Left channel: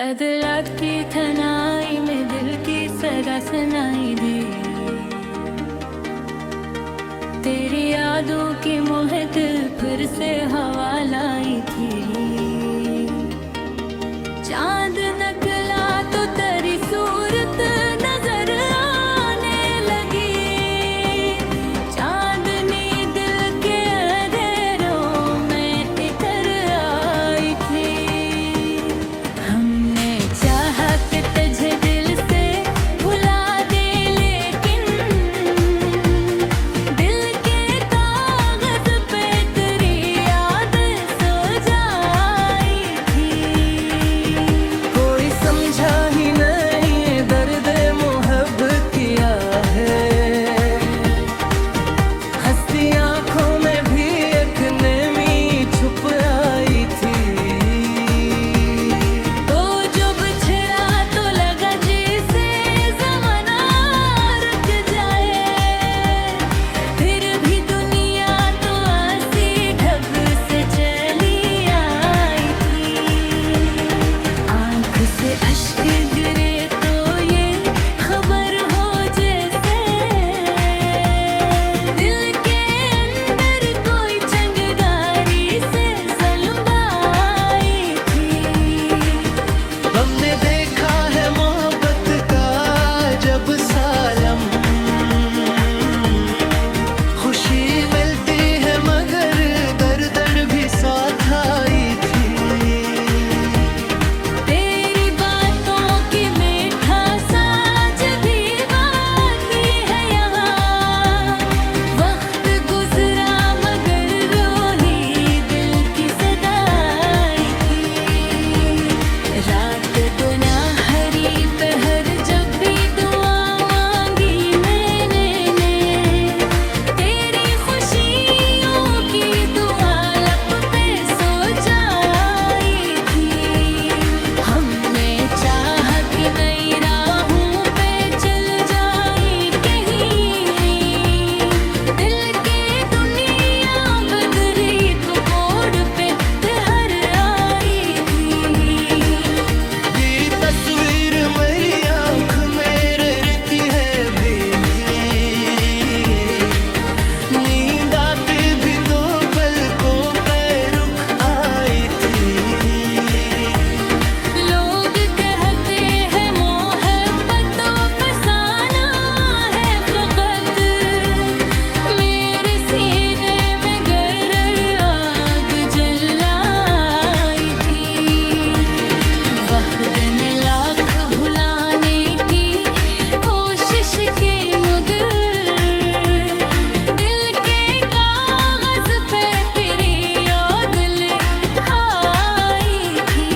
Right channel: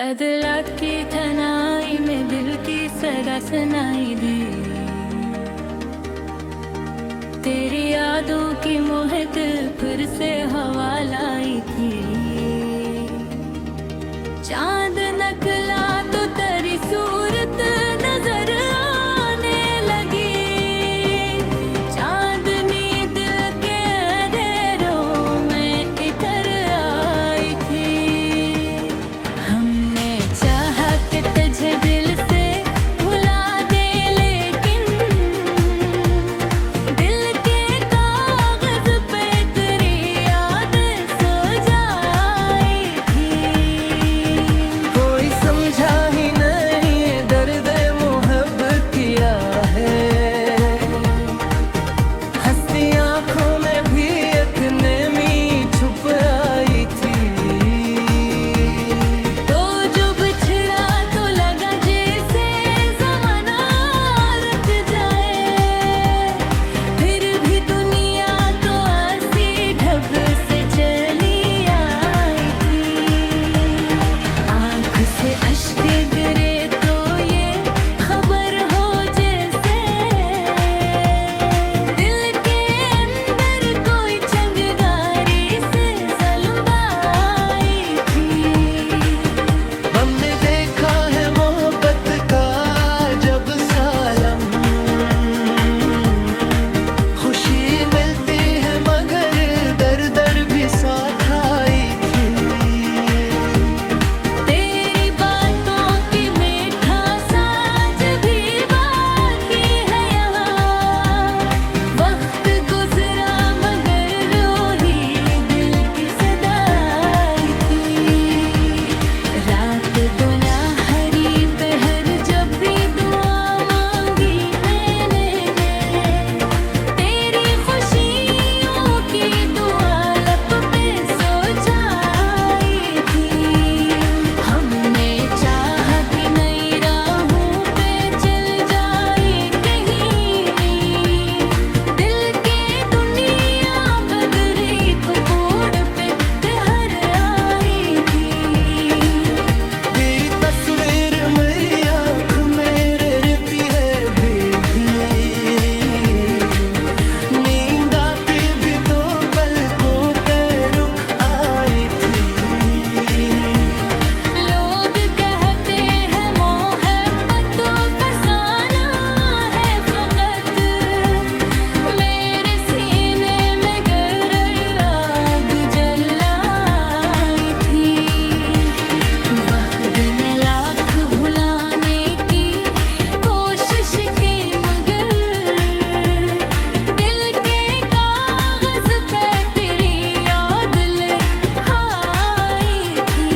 अदलात की थनाई में दिल की सदा सुनाई दी। तेरी यादों की मोहक फिर से हवा लाई थी। चांद नकला तो तेरी सूरत नजर आने लगी। चांदनी दिल के अंधेरों में इतर आई थी। हमने चाहा कि तुझे दिल से भुला दे, लेकिन दिल के कागज पे तेरी याद सो जाई थी। कोई समझा ही नहीं दर्द मोहब्बत किया है। हंसती आंखों में भी एक नेमी छुप आई थी। तो जो बिछड़ा तो लगा जैसे ज़माना रुक जाए। फिर भी दुनिया तो ऐसी ढब से चली आई थी। आँख से अश्क गिरे तो ये खबर हो जैसे दिल के अंदर कोई चंगारी से ज़ल्म आई थी। हमने देखा है मोहब्बत का जब सालम। खुशी मिलती है मगर दर दर भी साथ आई थी। तेरी बातों की मीठा साज भी बाकी है यहाँ। वक्त गुजरा मगर रोही दिल की सदाई थी। रात दुनिया हरी पहर जब भी दुआ मांगी मैंने, तेरी खुशियों की दुआ लब पे सो जाई थी। हमने चाहा कि नई राहों पे चल जाए कहीं। दिल के दुनिया बदरी तो कोड पे तहर आई थी। तेरी तस्वीर मेरी आँख में रहती है भीगी। नींद आती भी तो पलकों पे रुक आई थी। लोग कहते हैं मोहब्बतों फसाना है फकत। मेरे सीने में गरर आग जलाई थी। वक्त ने लाख भुलाने की कोशिश की मगर दिल के कागज पे तेरी याद ले आई थी।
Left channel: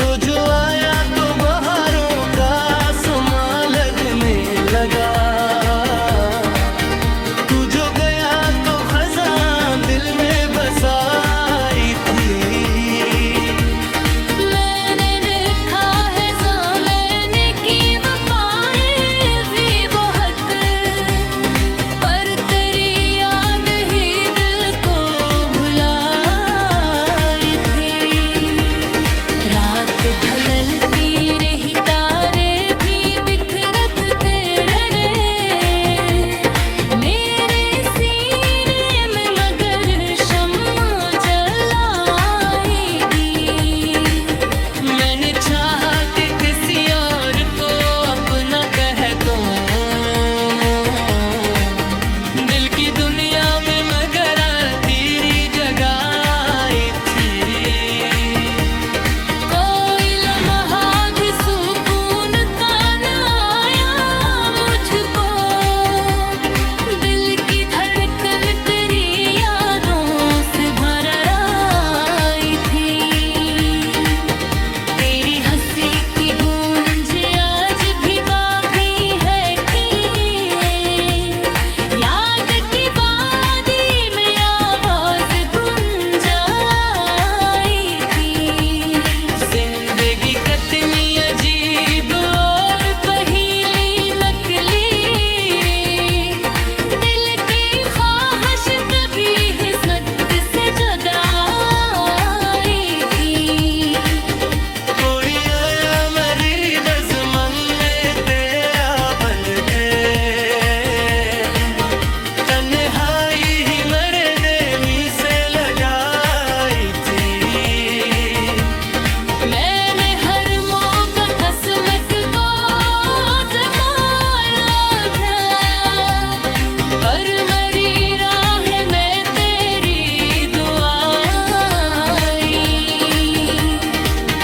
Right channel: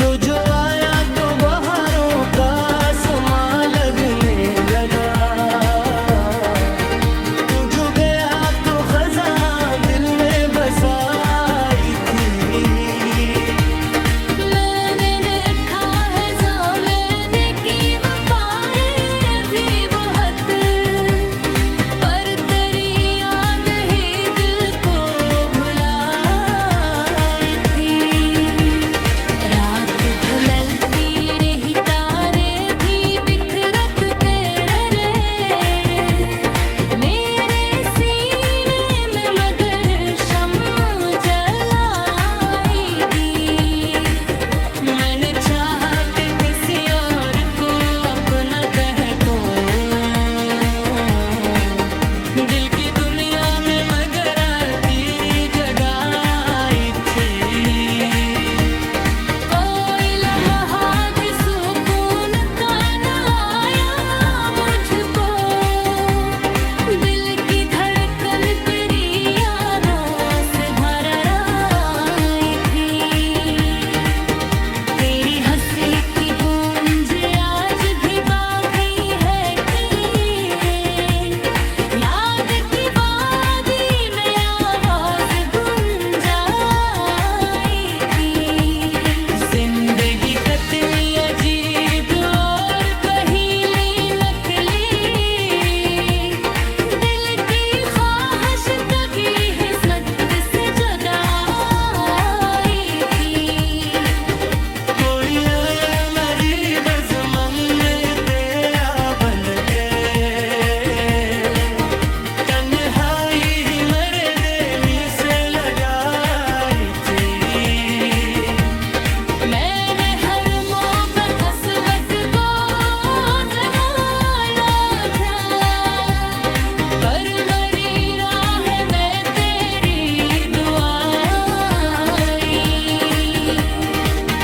तो जो आया तो बहारों का समा लगने लगा। तू जो गया तो खज़ां दिल में बसाई थी। मैंने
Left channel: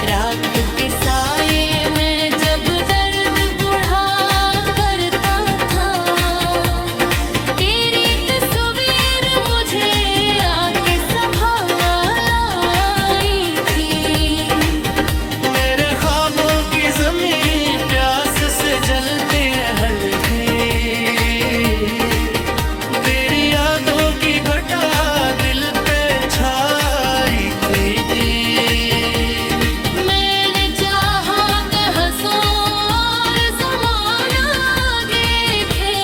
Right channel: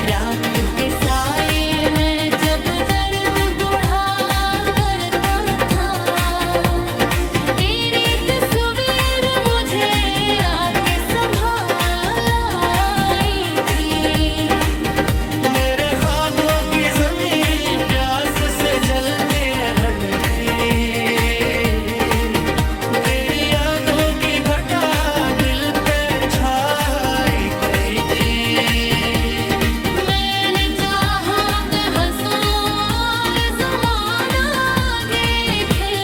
रात के साए में जब दर्द बुढ़ा करता था, तेरी तस्वीर मुझे आके संभालाई थी। मेरे ख्वाबों की ज़मीन प्यास से जलती रहती, तेरी यादों की घटा दिल पे छाई थी। मैंने चाहा कि हंसूं और ज़माना आगे थे,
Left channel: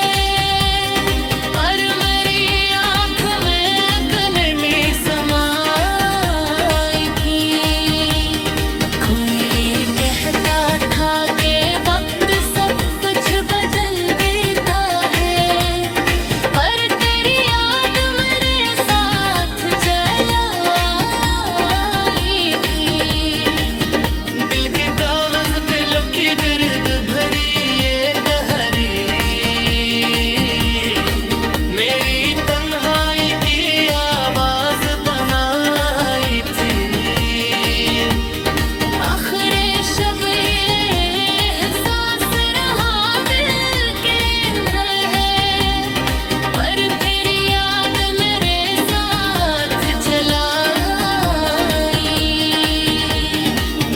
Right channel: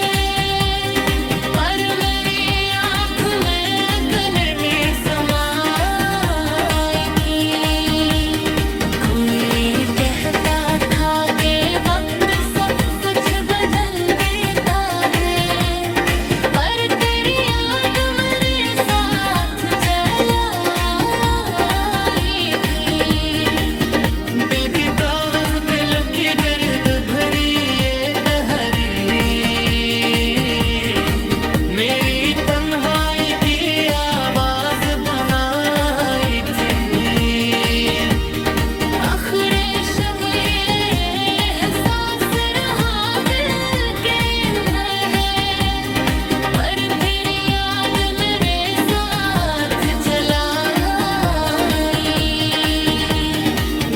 पर मेरी आँख में अपने में समाई थी। कोई कहता था कि वक्त सब कुछ बदल देता है, पर तेरी याद मेरे साथ जलाई थी। दिल के कागज पे लुकी बिरद भरी ये कहरी, मेरी तन्हाई की आवाज बनाई थी। आखिरी शब ये एहसास रहा दिल के अंदर है, पर तेरी याद मेरे साथ चलाई।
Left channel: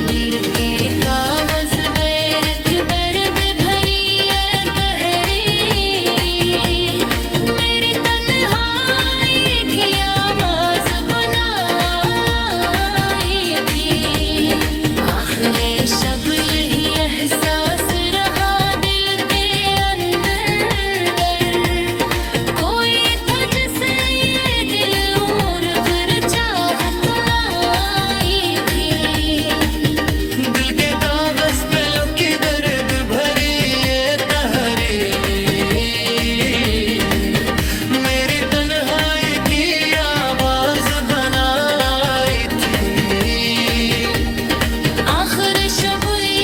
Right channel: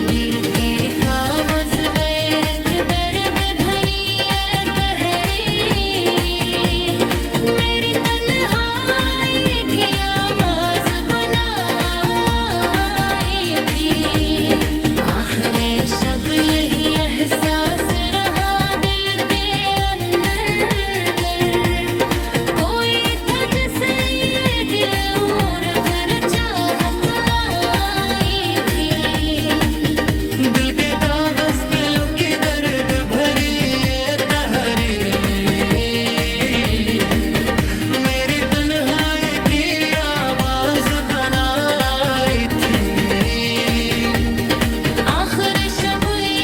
दिल के कागज बेरख दर्द भरी है गहरी, मेरी तन्हाई की आवाज बनाई थी। आखिरी शब यही एहसास रहा दिल के अंदर, कोई था जिसे ये दिल उम्र भर चाहता आई थी। दिल के कागज पे लुकी दर्द भरी ये तहरी, मेरी तन्हाई की आवाज बनाई थी। आखिर शब ये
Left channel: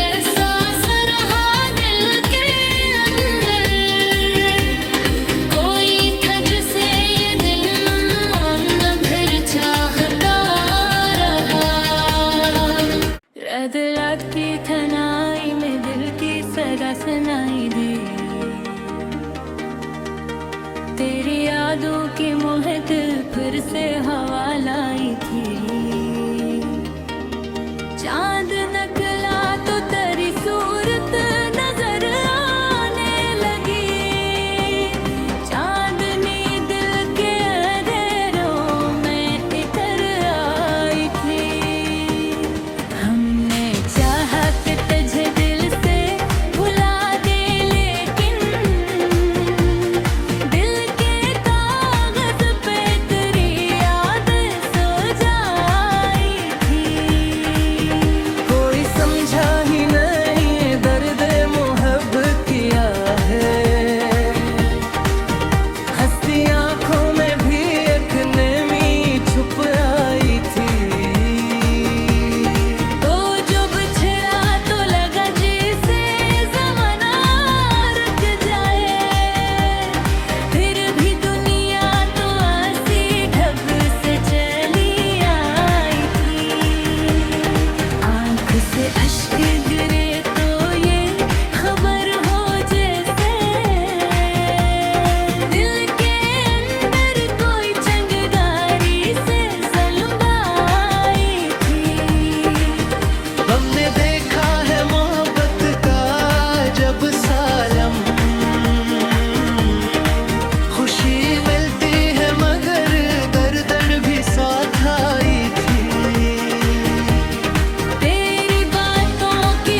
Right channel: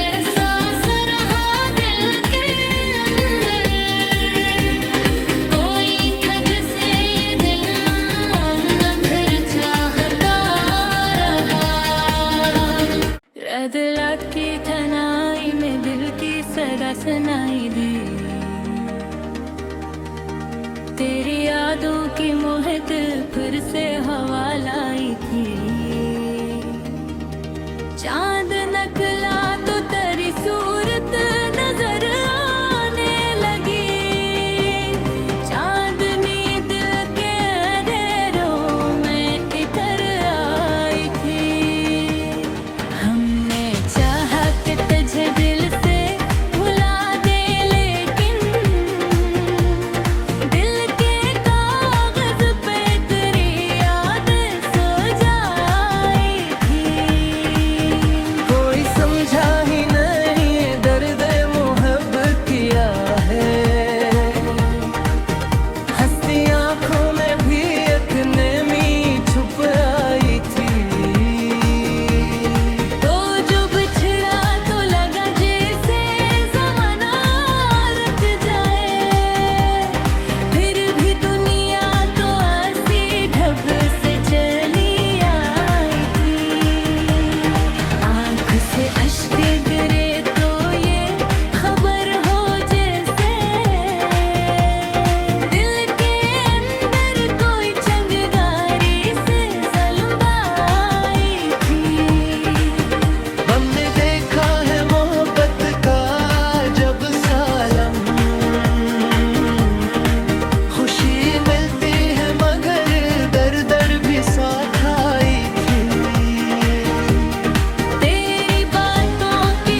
एहसास रहा दिल के अंदर, कोई था जिसे ये दिल न फिर चाहता रहा। रदलात की थनाई में दिल की सदा सुनाई दी, तेरी यादों की मोहक फिर से हवा लाई थी। चांद नकला तो तेरी सूरत नजर आने लगी, चांदनी दिल के अंधेरों में इतर आई थी। हमने चाहा कि तुझे दिल से भुला दे, लेकिन दिल के कागज पे तेरी याद सो जाई थी। कोई समझा ही नहीं दर्द मोहब्बत किया है, हंसती आंखों में भी एक नेमी छुप आई थी। तो जो बिछड़ा तो लगा जैसे ज़माना रुक जाए, फिर भी दुनिया तो ऐसी ढब से चली आई थी। आँख से अश्क गिरे तो ये खबर हो जैसे दिल के अंदर कोई चंगारी से ज़ल्म आई थी। हमने देखा है मोहब्बत का जब सालम, खुशी मिलती है मगर दर दर भी साथ आई थी। तेरी बातों की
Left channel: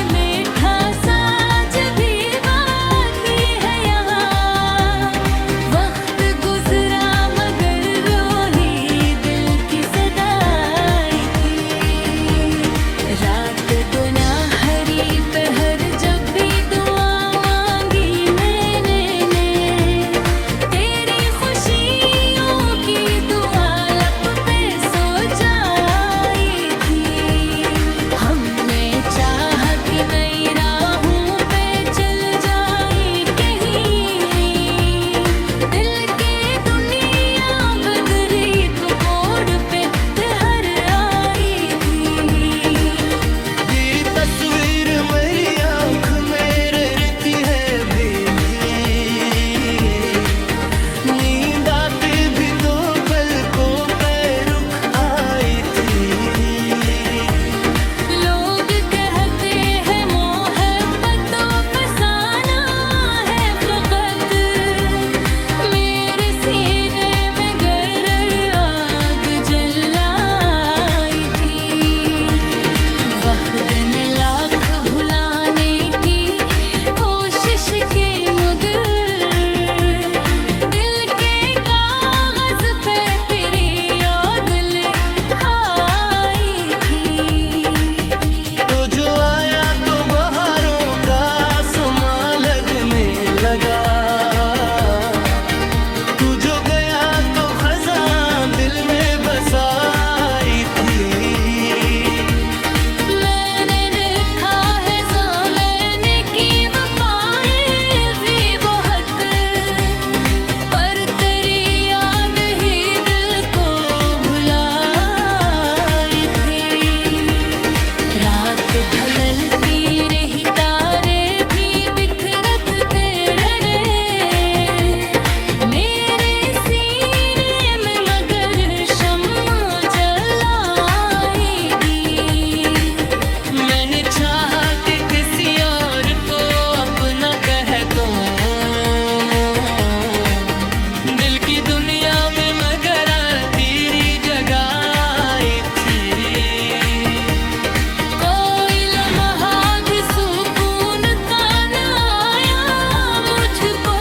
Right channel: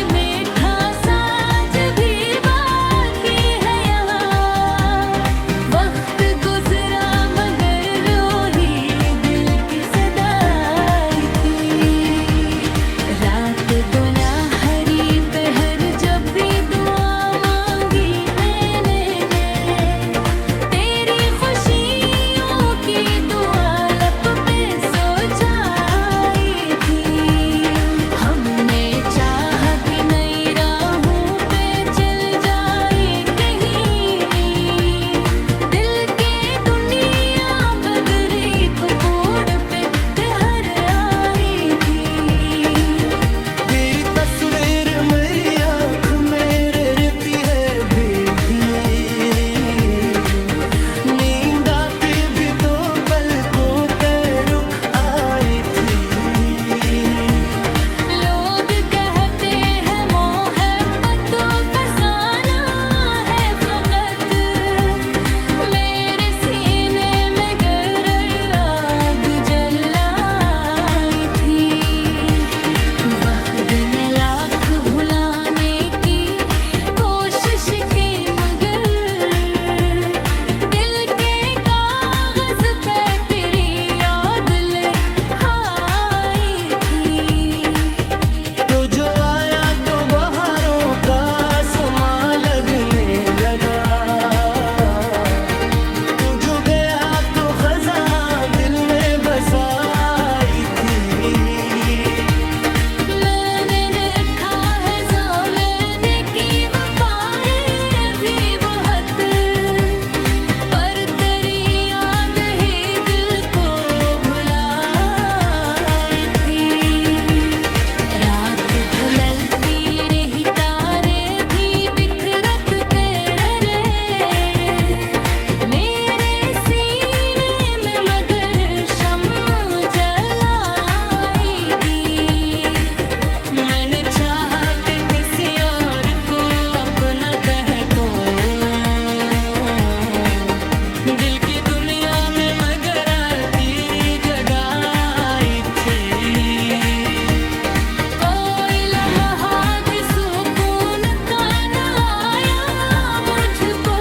दिन लाख भुलाने की कोशिश के मगर दिल के कागज पे तेरी याद ले आई थी। तो जो आया तो बहारों का समा लगने लगा, तू जो गया तो खज़ां दिल में बसाई थी। मैंने देखा है ज़माने की वफ़ाएं भी बहुत, पर तेरी याद ही दिल को भुलाई थी। रात ढलती रही तारे भी बिखरते रहे मेरे सीने में, मगर शम्मा जलाई थी। मैंने चाहा कि किसी और को अपना कह दूं दिल की दुनिया में, मगर तेरी जगह आई थी। कोई लम्हा भी सुकून का न आया मुझको,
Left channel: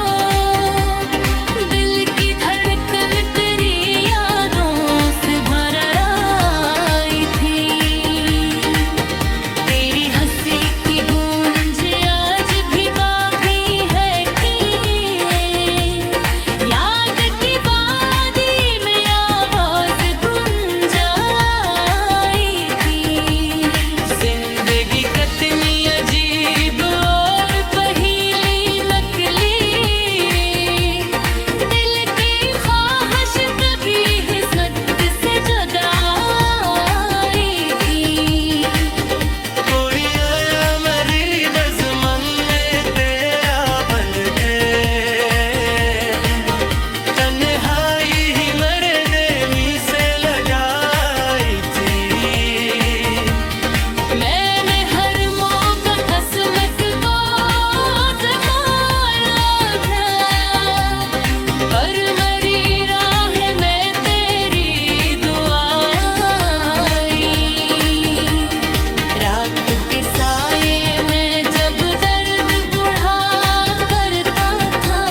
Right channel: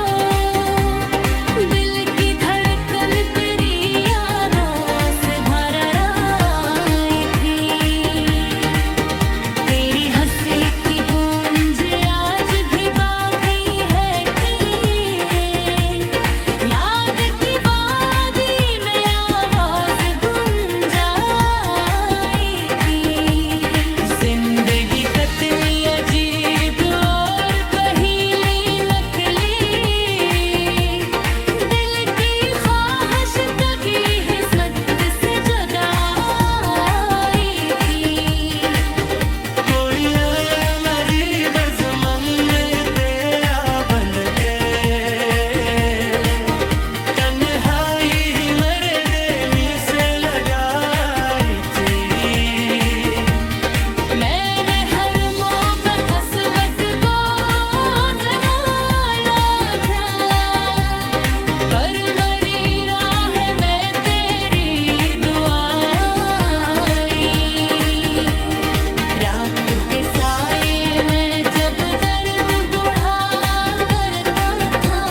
दिल की धड़कन तेरी यादों से भर आई थी। तेरी हंसी की गूंज आज भी बाकी है कि याद की वादी में आवाज गुंजाई थी। जिंदगी कितनी अजीब और पहेली नकली, दिल की ख्वाहिश कभी किस्मत से जुदा आई थी। कोई आया मेरी बज़मन में तेरा बंद थे, तन्हाई ही मेरे देमी से लगाई थी। मैंने हर मौका किस्मत को संभाला था, पर मरी राह में तेरी दुआ आई। रात के साए में जब दर्द बुढ़ा करता था,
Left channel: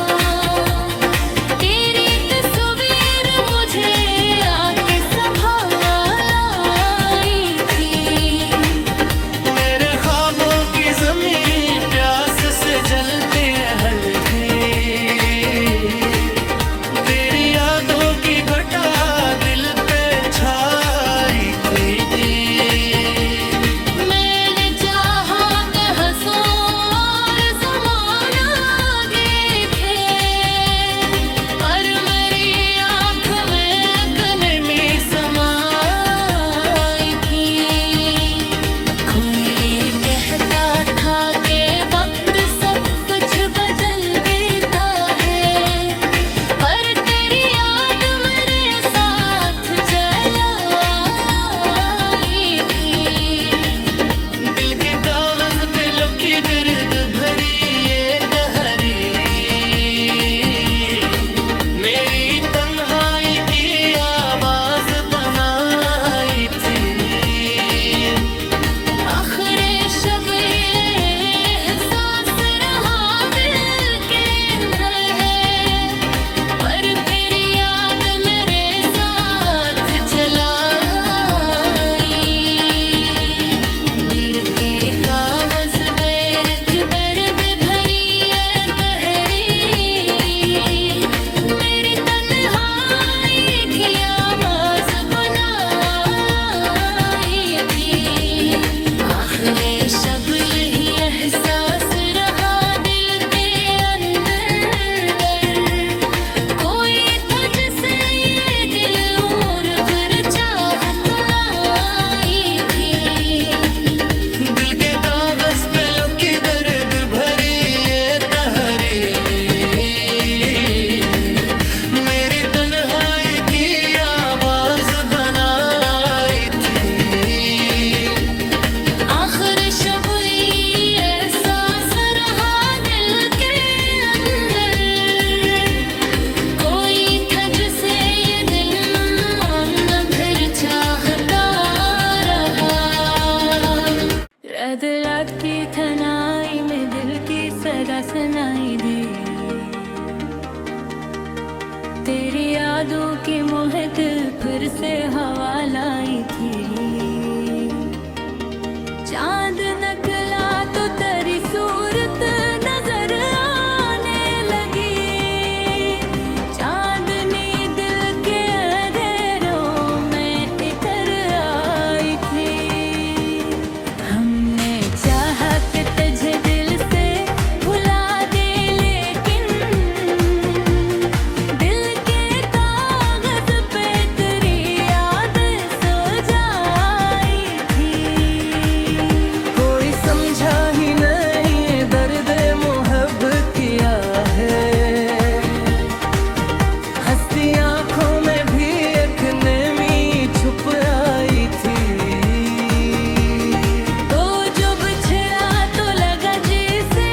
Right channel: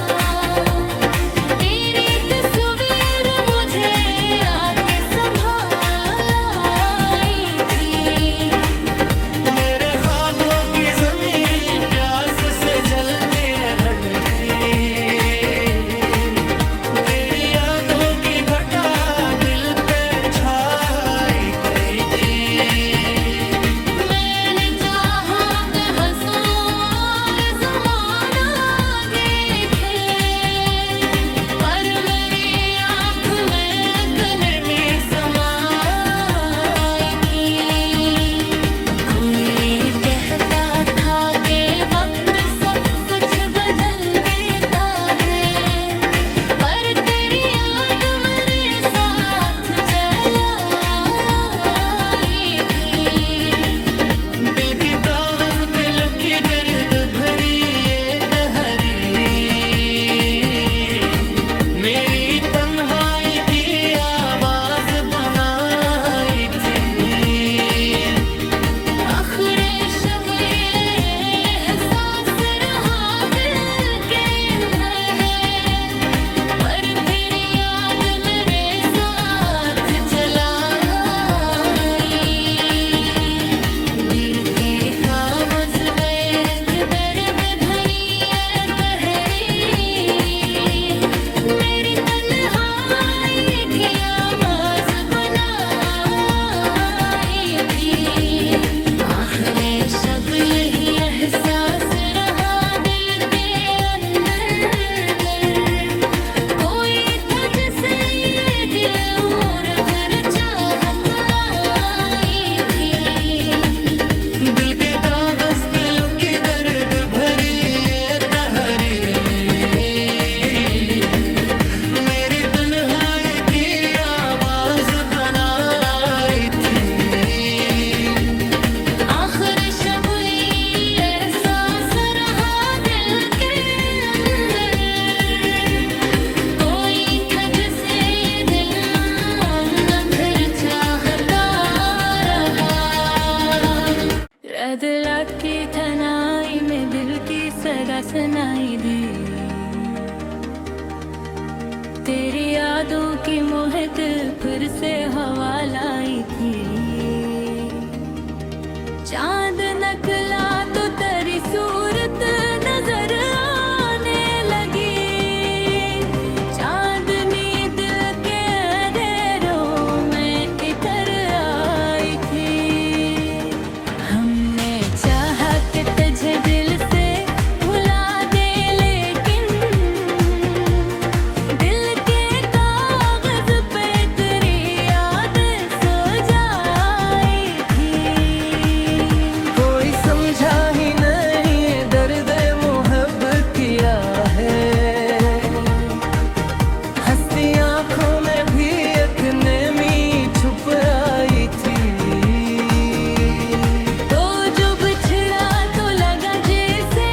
तेरी तस्वीर मुझे आके संभाला आई थी। मेरे ख्वाबों की ज़मीन प्यास से जलती रहती, तेरी यादों की घटा दिल पे छाई थी। मैंने चाहा कि हंसूं और ज़माना देखे, पर मेरी आँख में अपने में समाई थी। कोई कहता था कि वक्त सब कुछ बदल देता है, पर तेरी याद मेरे साथ चलाई थी। दिल के कागज पे लुकी बिरद भरी ये कहरी, मेरी तन्हाई की आवाज बनाई थी। आखिरी शब ये एहसास रहा दिल के अंदर है, पर तेरी याद मेरे साथ चलाई। दिल के कागज बेरच दर्द भरी है गहरी, मेरी तन्हाई की आवाज बनाई थी। आखिरी शब यही एहसास रहा दिल के अंदर, कोई था जिसे ये दिल उम्र भर चाहता आई थी। दिल के कागज पे लुकी दर्द भरी ये तहरी, मेरी तन्हाई की आवाज बनाई थी। आखिर शब अदलात की थनाई में दिल की सदा सुनाई दी, तेरी यादों की मोहक फिर से हवा लाई थी। चांद नकला तो तेरी सूरत नजर आने लगी, चांदनी दिल के अंधेरों में इतर आई थी। हमने चाहा कि तुझे दिल से भुला दे, लेकिन दिल के कागज पे तेरी याद सो जाई थी। कोई समझा ही नहीं दर्द मोहब्बत किया है, हंसती आंखों में भी एक नेमी छुप आई थी। तो जो बिछड़ा तो लगा जैसे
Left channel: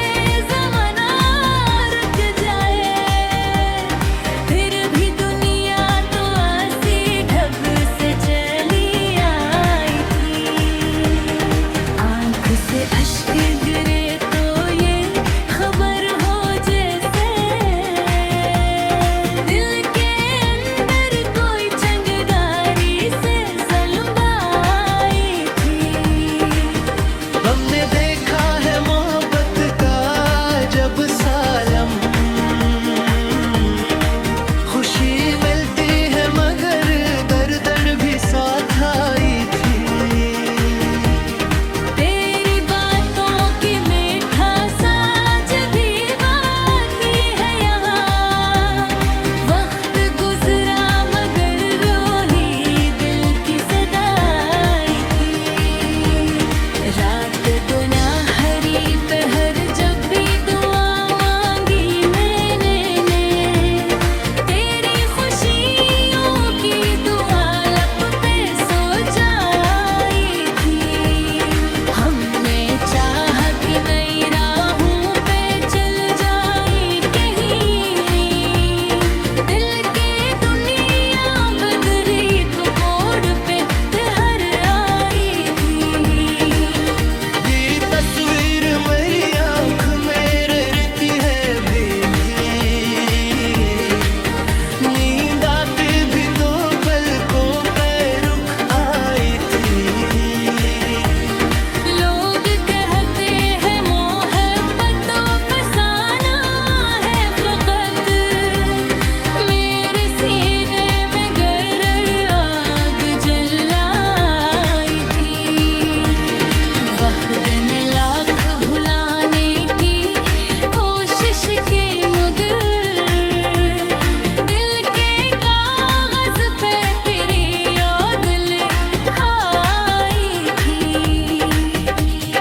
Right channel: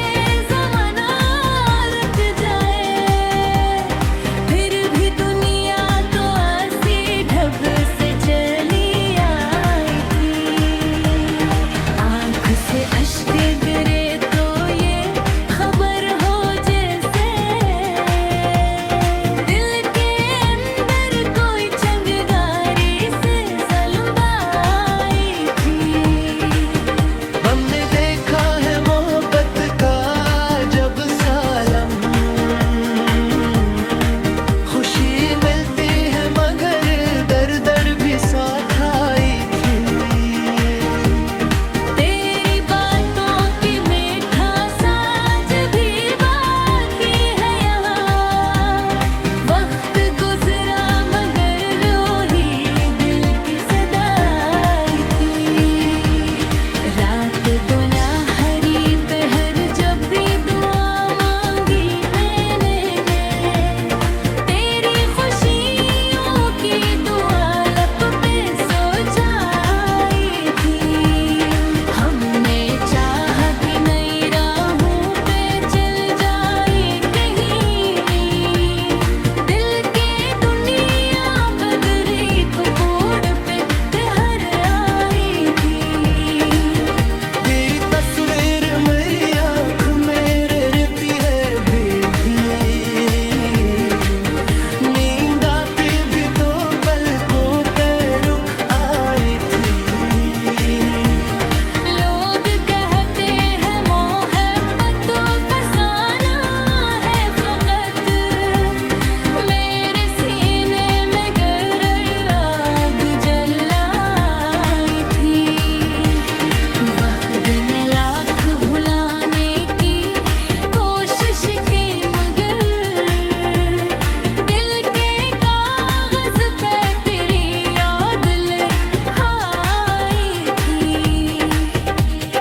ज़माना रुक जाए, फिर भी दुनिया तो ऐसी ढब से चली आई थी। आँख से अश्क गिरे तो ये खबर हो जैसे दिल के अंदर कोई चंगारी से ज़ल्म आई थी। हमने देखा है मोहब्बत का जब सालम, खुशी मिलती है मगर दर्द दर्द भी साथ आई थी। तेरी बातों की मीठा साज भी बाकी है यहाँ, वक्त गुजरा मगर रोही दिल की सदाई थी। रात गुना हरी पहर जब भी दुआ मांगी मैंने, तेरी खुशियों की दुआ लब पे सो जाई थी। हमने चाहा कि नई राहों पे चल जाए कहीं, दिल के दुनिया बदरी तो कोड पे ठहर आई थी। तेरी तस्वीर मेरी आँख में रहती है भीगी, नींद आती भी तो पलकों पे रुक आई थी। लोग कहते हैं मोहब्बतों फसाना है फकत, मेरे सीने में गर आग जलाई थी। वक्त ने लाख भुलाने की कोशिश की मगर दिल के कागज पे तेरी याद ले आई थी।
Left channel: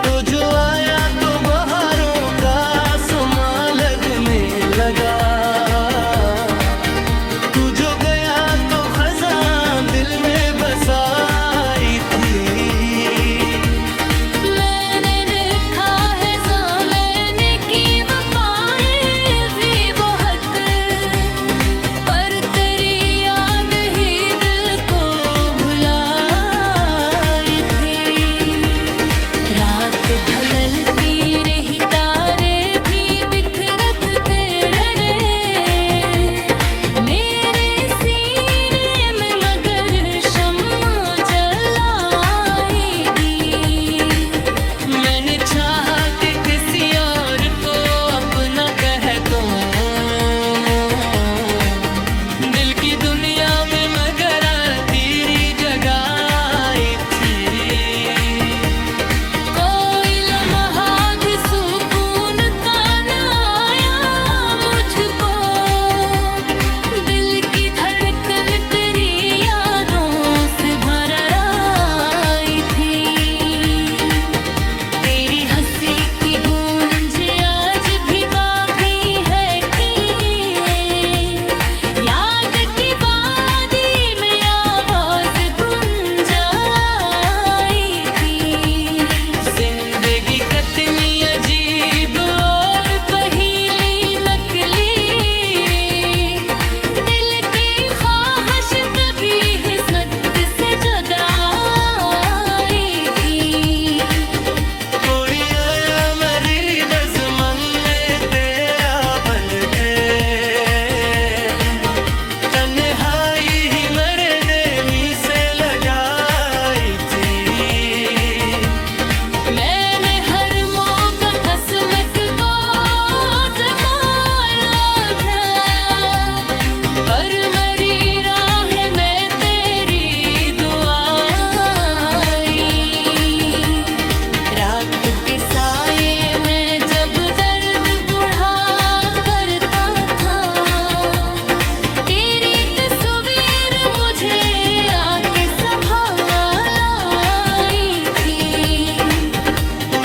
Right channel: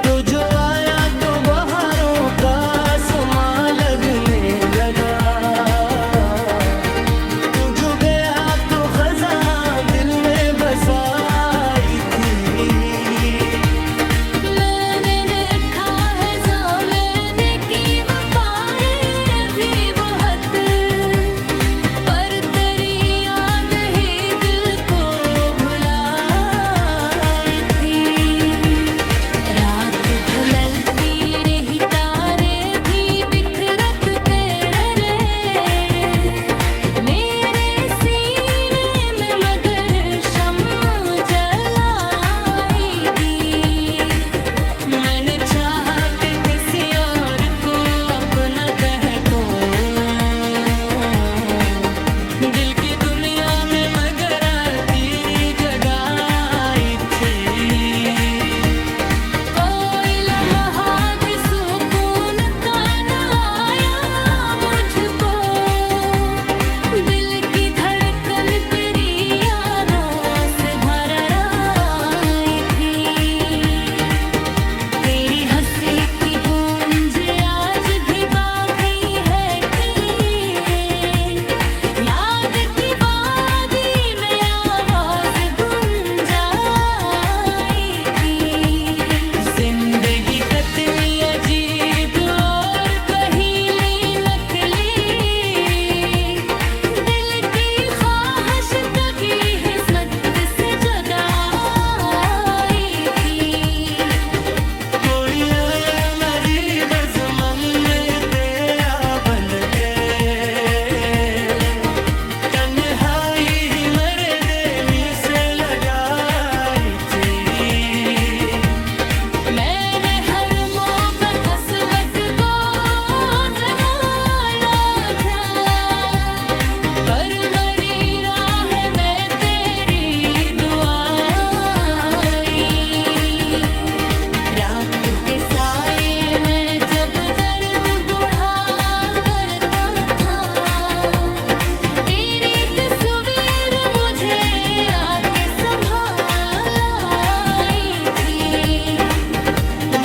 तो जो आया तो बहारों का समा लगने लगा, तू जो गया तो खज़ां दिल में बसाई थी। मैंने रात के साए में जब दर्द बुढ़ा करता था, तेरी तस्वीर मुझे आके संभालाई थी।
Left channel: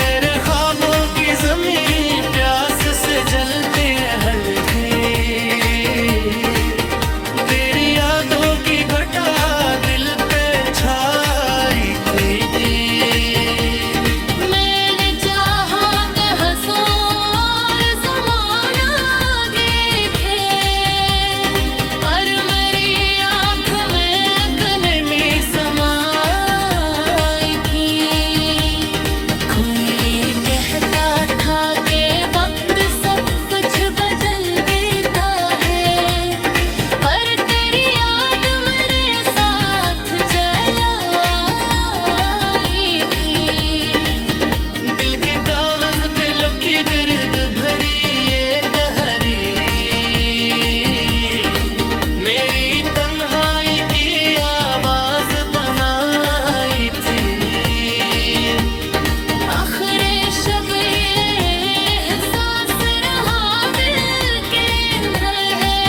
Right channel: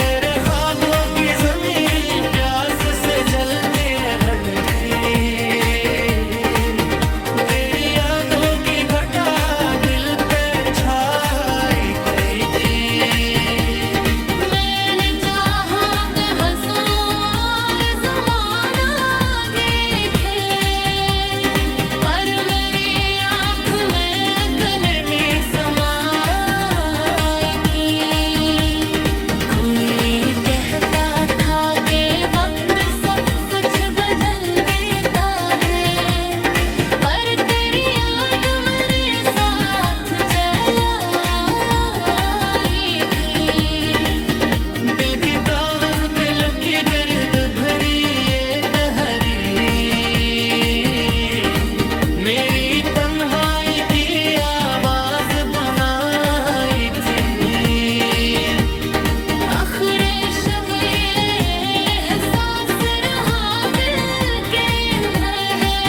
मेरे ख्वाबों की ज़मीन प्यास से जलती रहती, तेरी यादों की घटा दिल पे छाई थी। मैंने चाहा कि हंसूं और ज़माना आगे थे, पर मेरी आँख में अकनमी समाई थी। कोई कहता था कि वक्त सब कुछ बदल देता है, पर तेरी याद मेरे साथ चलाई थी। दिल के कागज पे लुकी बिरद भरी ये कहरी, मेरी तन्हाई की आवाज बनाई थी। आखिरी शब ये एहसास रहा दिल के अंदर है,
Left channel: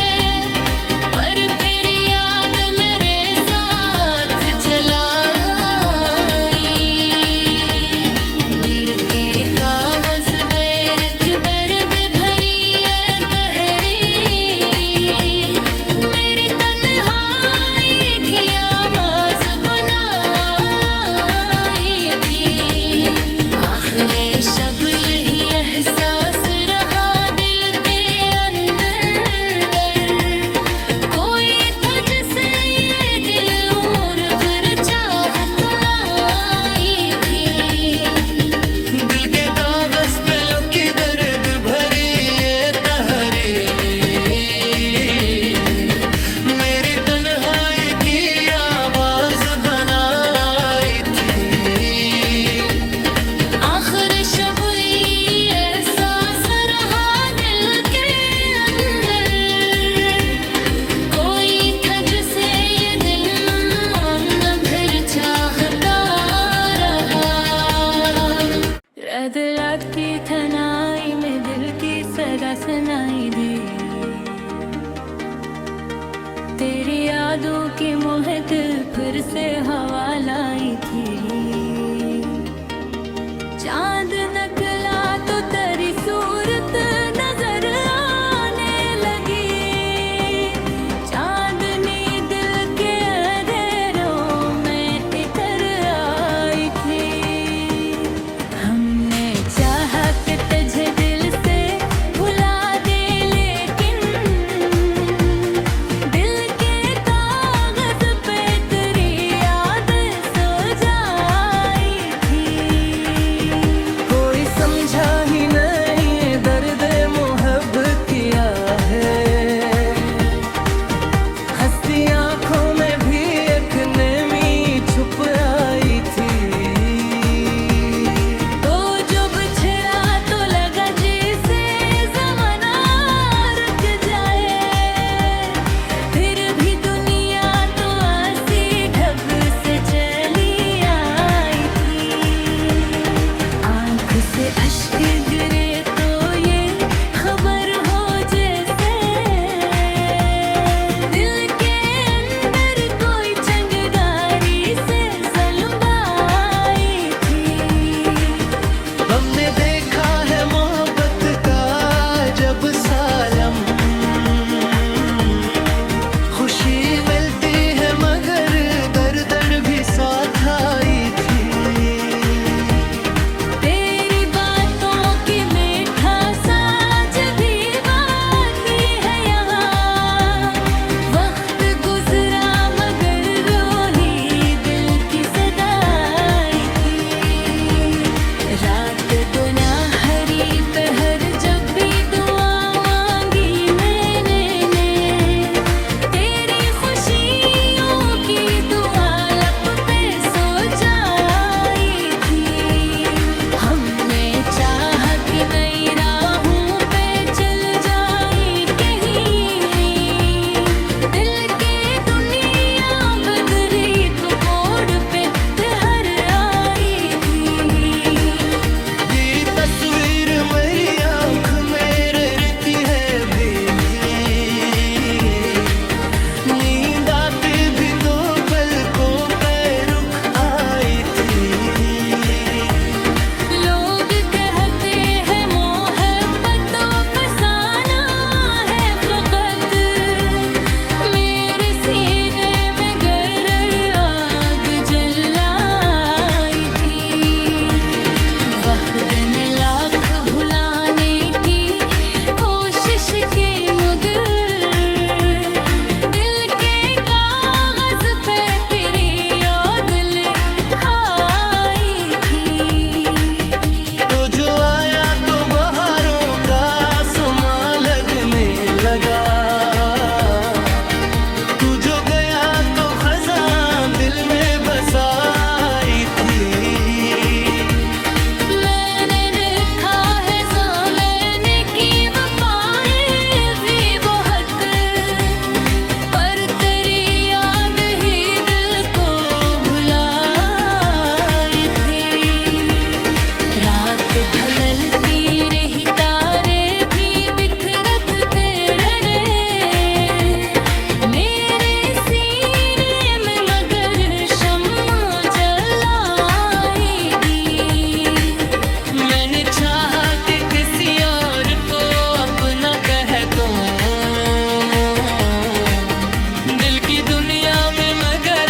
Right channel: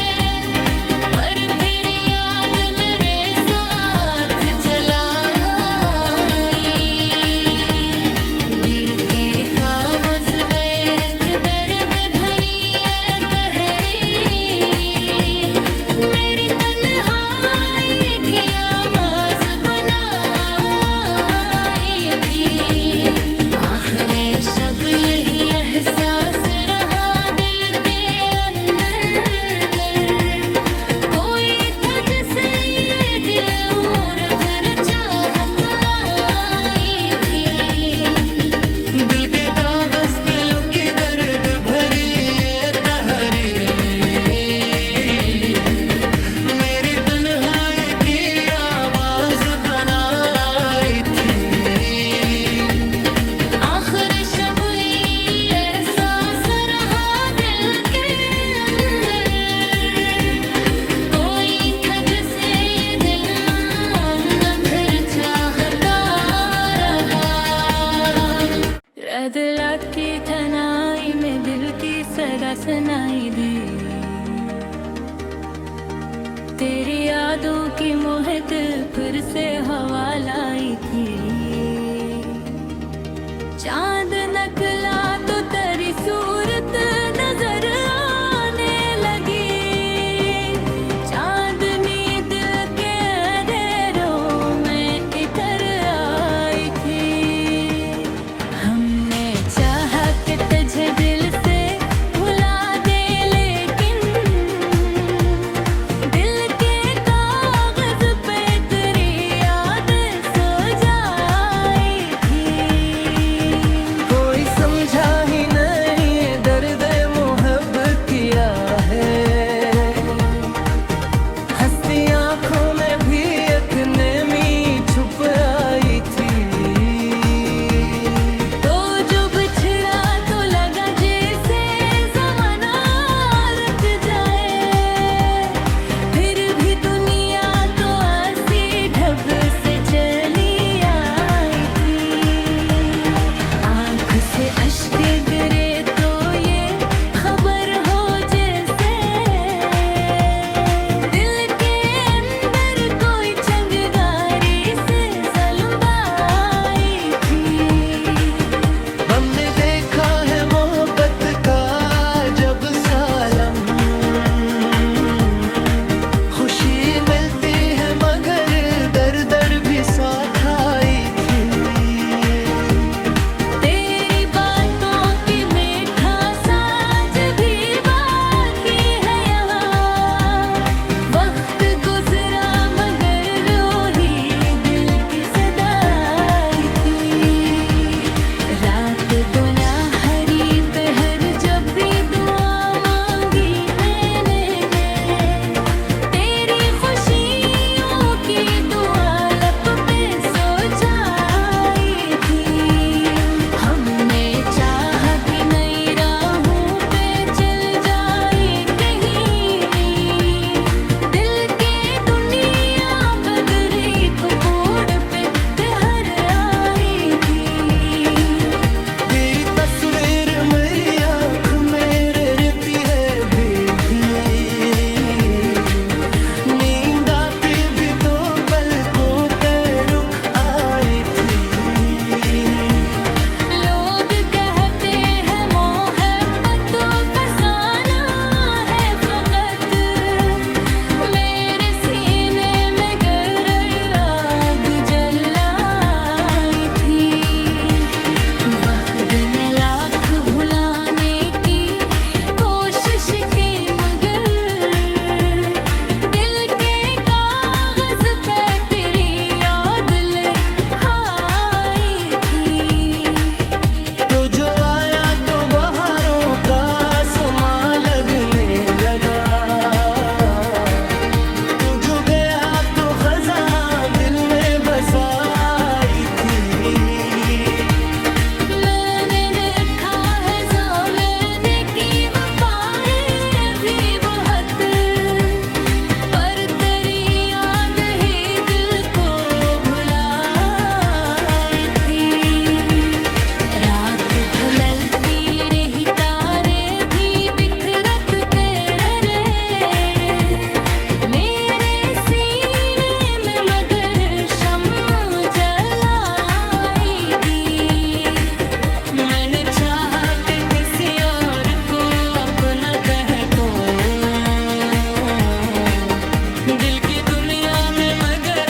पर फिर याद मेरे साथ चलाई। दिल के कागज पे दर्द भरी है गहरी, मेरी तन्हाई की आवाज बनाई थी। आखिरी शब यही एहसास रहा दिल के अंदर, कोई था जिसे ये दिल उम्र भर चाहत आई थी। दिल के कागज पे लुकी दर्द भरी ये तहरीर, मेरी तन्हाई की आवाज बनाई थी। आखिर शब एहसास रहा दिल के अंदर, कोई था जिसे ये दिल न फिर चाहता रहा। रदलात की थनाई में दिल की सदा सुनाई दी, तेरी यादों की मोहक फिर से हवा लाई थी। चांद नकला तो तेरी सूरत नजर आने लगी, चांदनी दिल के अंधेरों में इतर आई थी। हमने चाहा कि तुझे दिल से भुला दे, लेकिन दिल के कागज पे तेरी याद सो जाई थी। कोई समझा ही नहीं दर्द मोहब्बत किया है, हंसती आंखों में भी एक नमी छुप आई थी। तो जो बिछड़ा तो लगा जैसे ज़माना रुक जाए, फिर भी दुनिया तो ऐसी ढब से चली आई थी। आँख से अश्क गिरे तो ये खबर हो जैसे दिल के अंदर कोई चंगारी से ज़ल्म आई थी। हमने देखा है मोहब्बत का जब सालम, खुशी मिलती है मगर दर दर भी साथ आई थी। तेरी बातों की दिन लाख भुलाने की कोशिश के मगर दिल के कागज पे तेरी याद ले आई थी। तो जो आया तो बहारों का समा लगने लगा, तू जो गया तो खज़ां दिल में बसाई थी। मैंने देखा है ज़माने की वफ़ाएं भी बहुत, पर तेरी याद ही दिल को भुलाई थी। रात ढलती रही तारे भी बिखरत तेरे रे, मेरे सीने में मगर शम्मा जलाई थी। मैंने चाहा कि किसी और को अपना कह दूं, दिल की दुनिया में मगर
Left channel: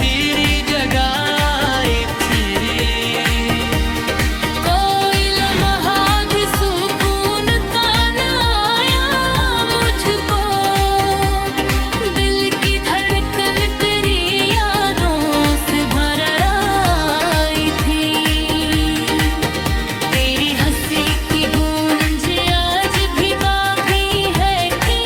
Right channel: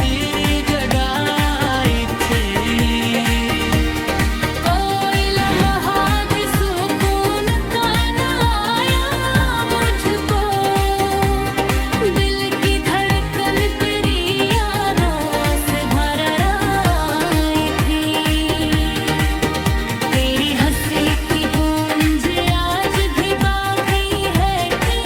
तेरी जगह आई थी। कोई लम्हा भी सुकून का न आया मुझको, दिल की धड़कन तेरी यादों से भर आई थी। तेरी हंसी की गूंज आज भी बाकी है कि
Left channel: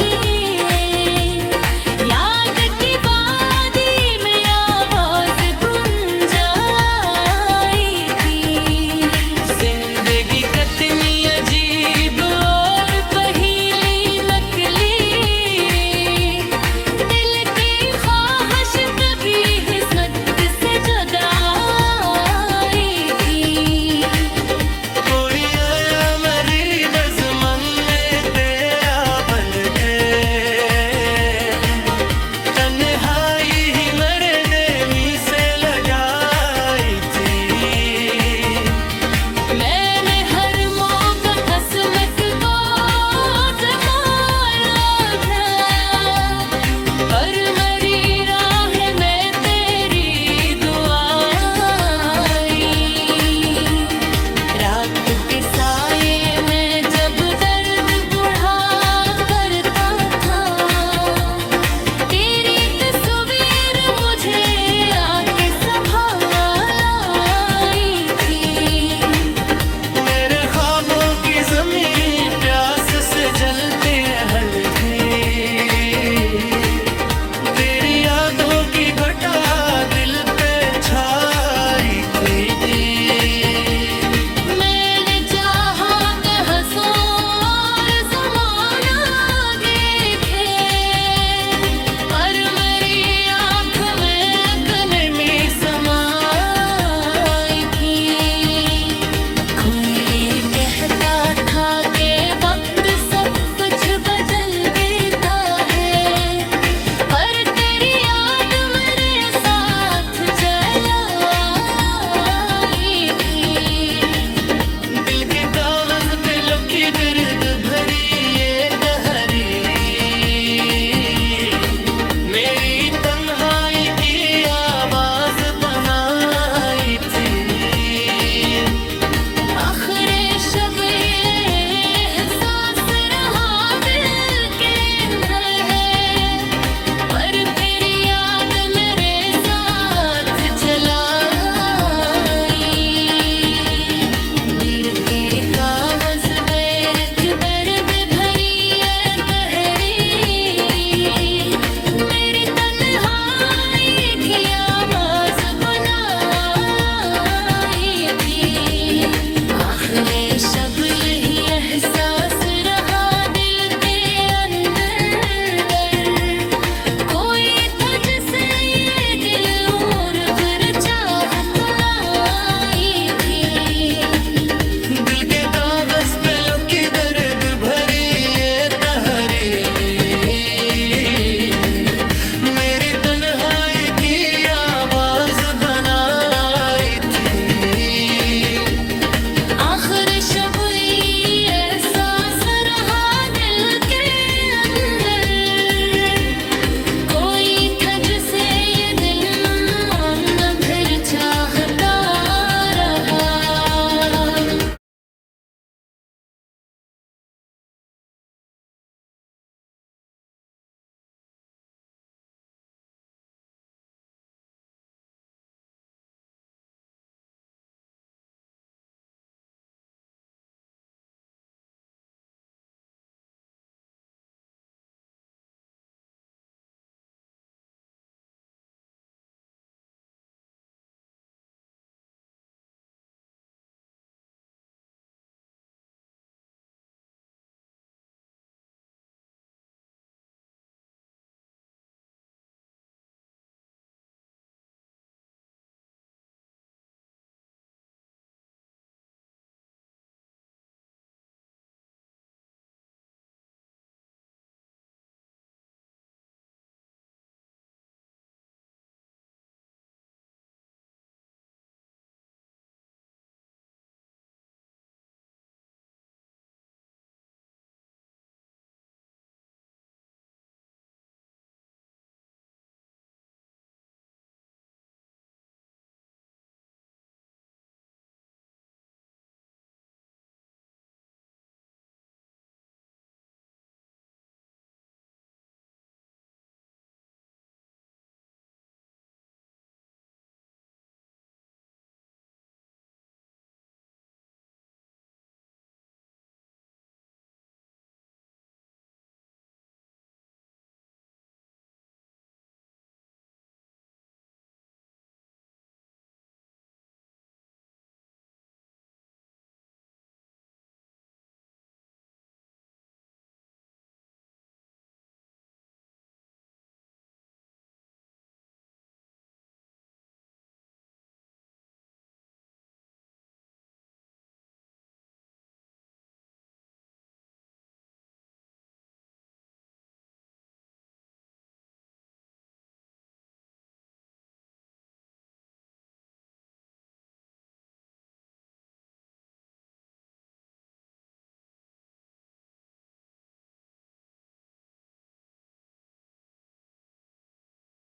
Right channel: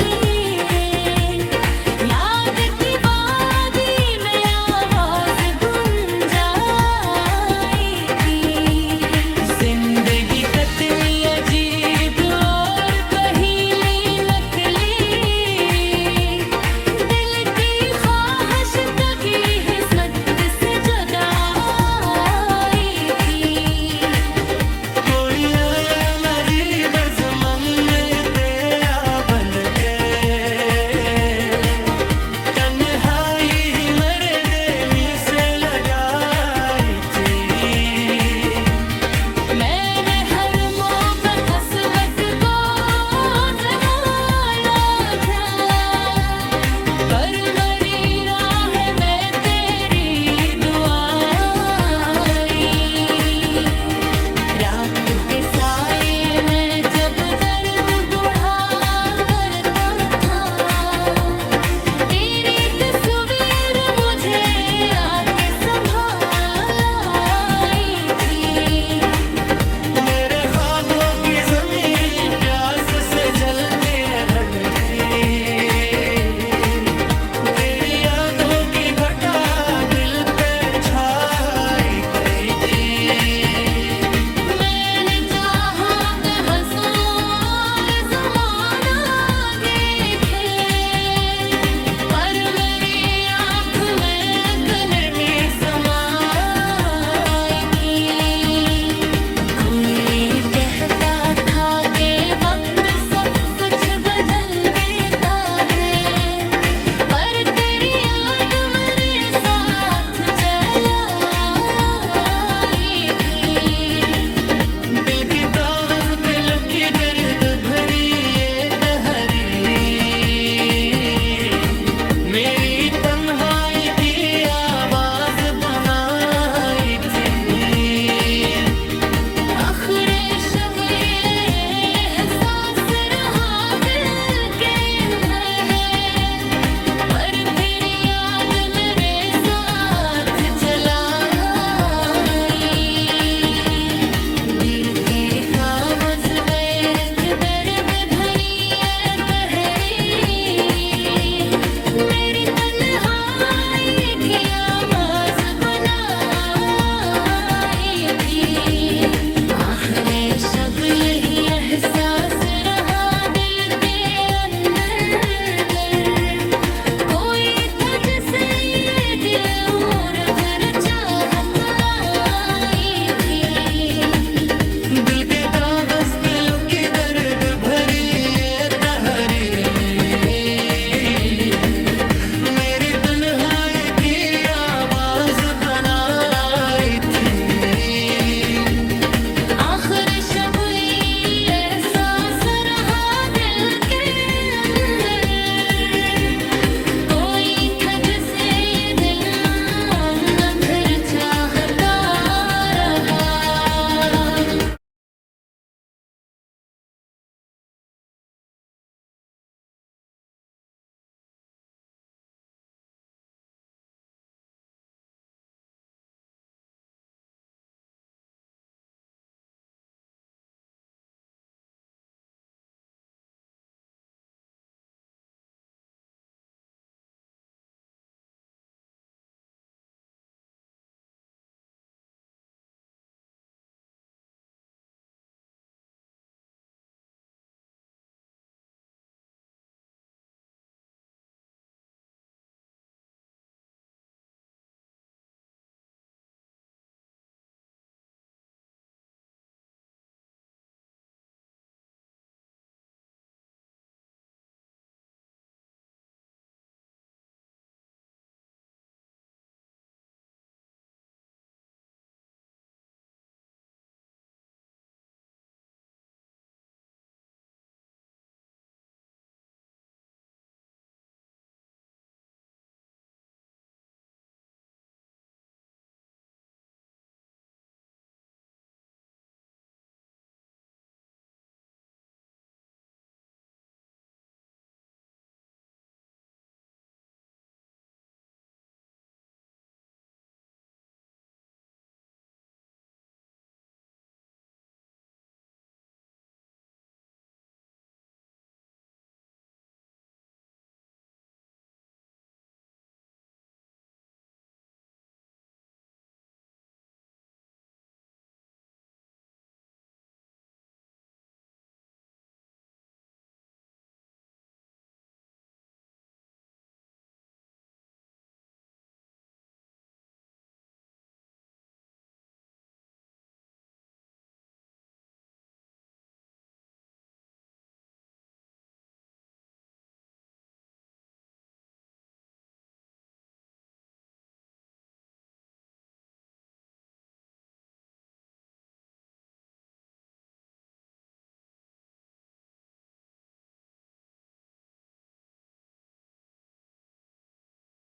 याद की वादी में आवाज गुंजाई थी। जिंदगी कितनी अजीब और पहेली नकली, दिल की ख्वाहिश कभी किस्मत से जुदा आई थी। कोई आया मेरी बज़मन में तेरा बंद थे, तन्हाई ही मेरे देमी से लगाई थी। मैंने हर मौका किस्मत को आज़माया था, पर मरी राह में तेरी दुआ आई। रात के साथ